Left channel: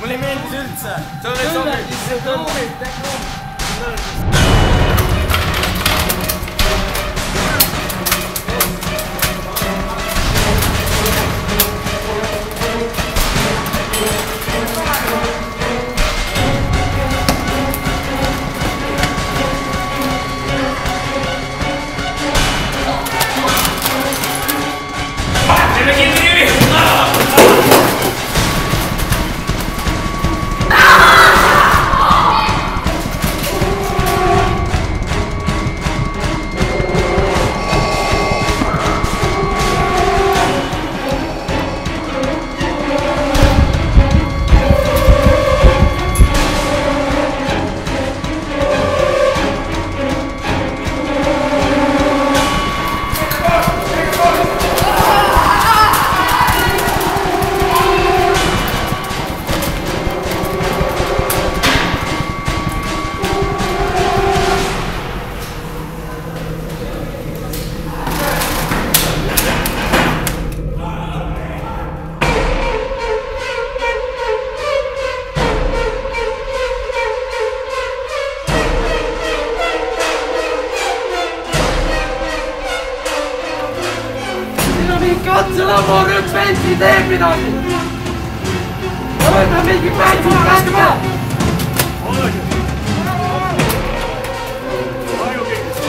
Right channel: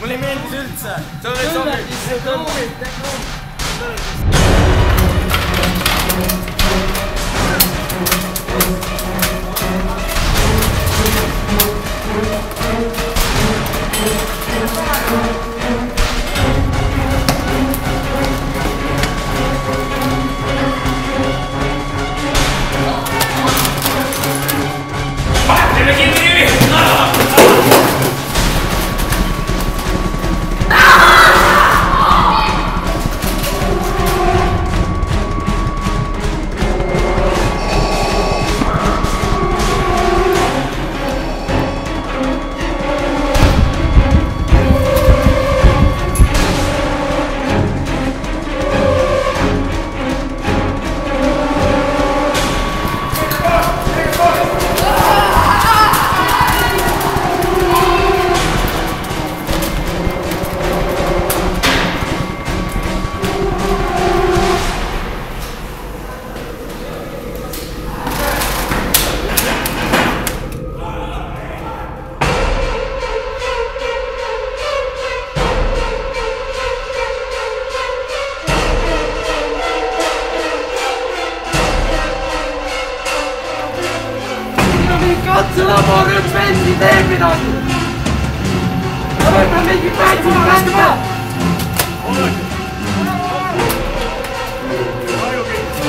Mulle ei meeldis üldse. See ei sobi. Mingi katselabor, üks vend teeb midagi! Ja võtame mingi pätsi kätte! Oodake! Kahju kõigest!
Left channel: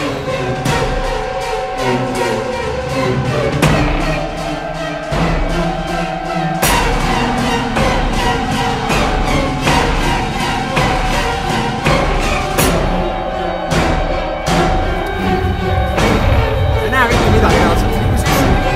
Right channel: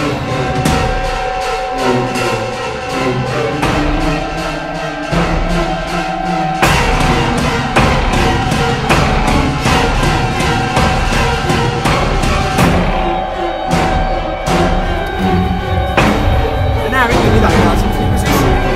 Ei näe mitte midagi reaalselt. Liigu sisse, liigu sisse!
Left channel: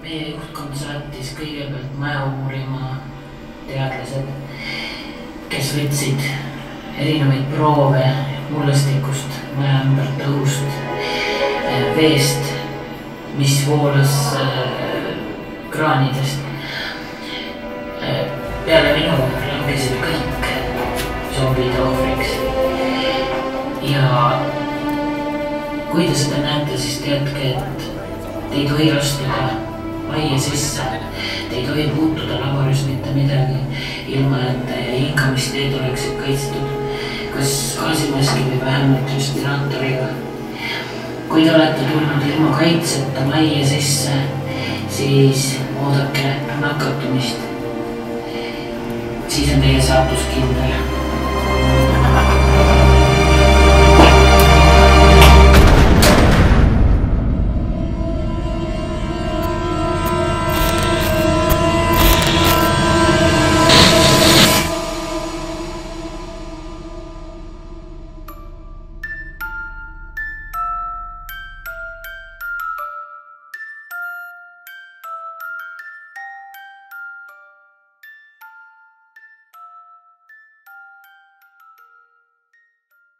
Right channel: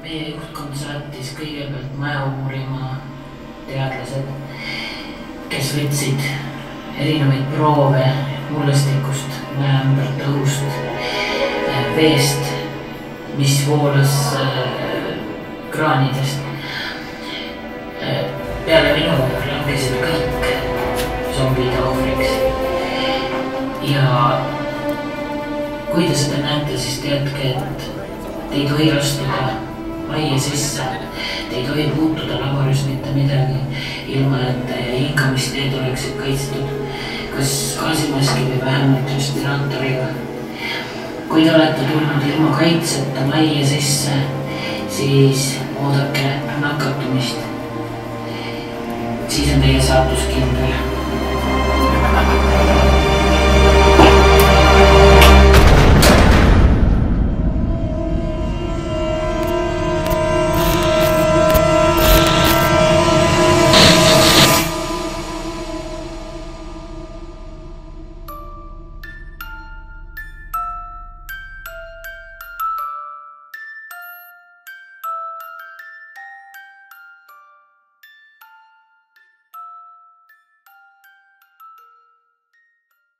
Meie juhtkond saatis kõigepealt maja uurima teadlased, kes võtsid erinevaid proove mullestikust, maja ümbert õhust, veest, mis voolas kraanidest. Peale minu langesid kõik zombide ohvriks. Ja kui te seda näete, siis teadke, et te ei tohi astuda majja sisse, te ei tohi puutuda laboris mitte midagi, ilma et hingamisteed oleksid kaitstud, kas gaasimaski või vähemalt respiraatoriga. Kui te olete tulnud ilma kaitseta majja sisse, siis oodake nakatumist. Siis on teie saatus kindel.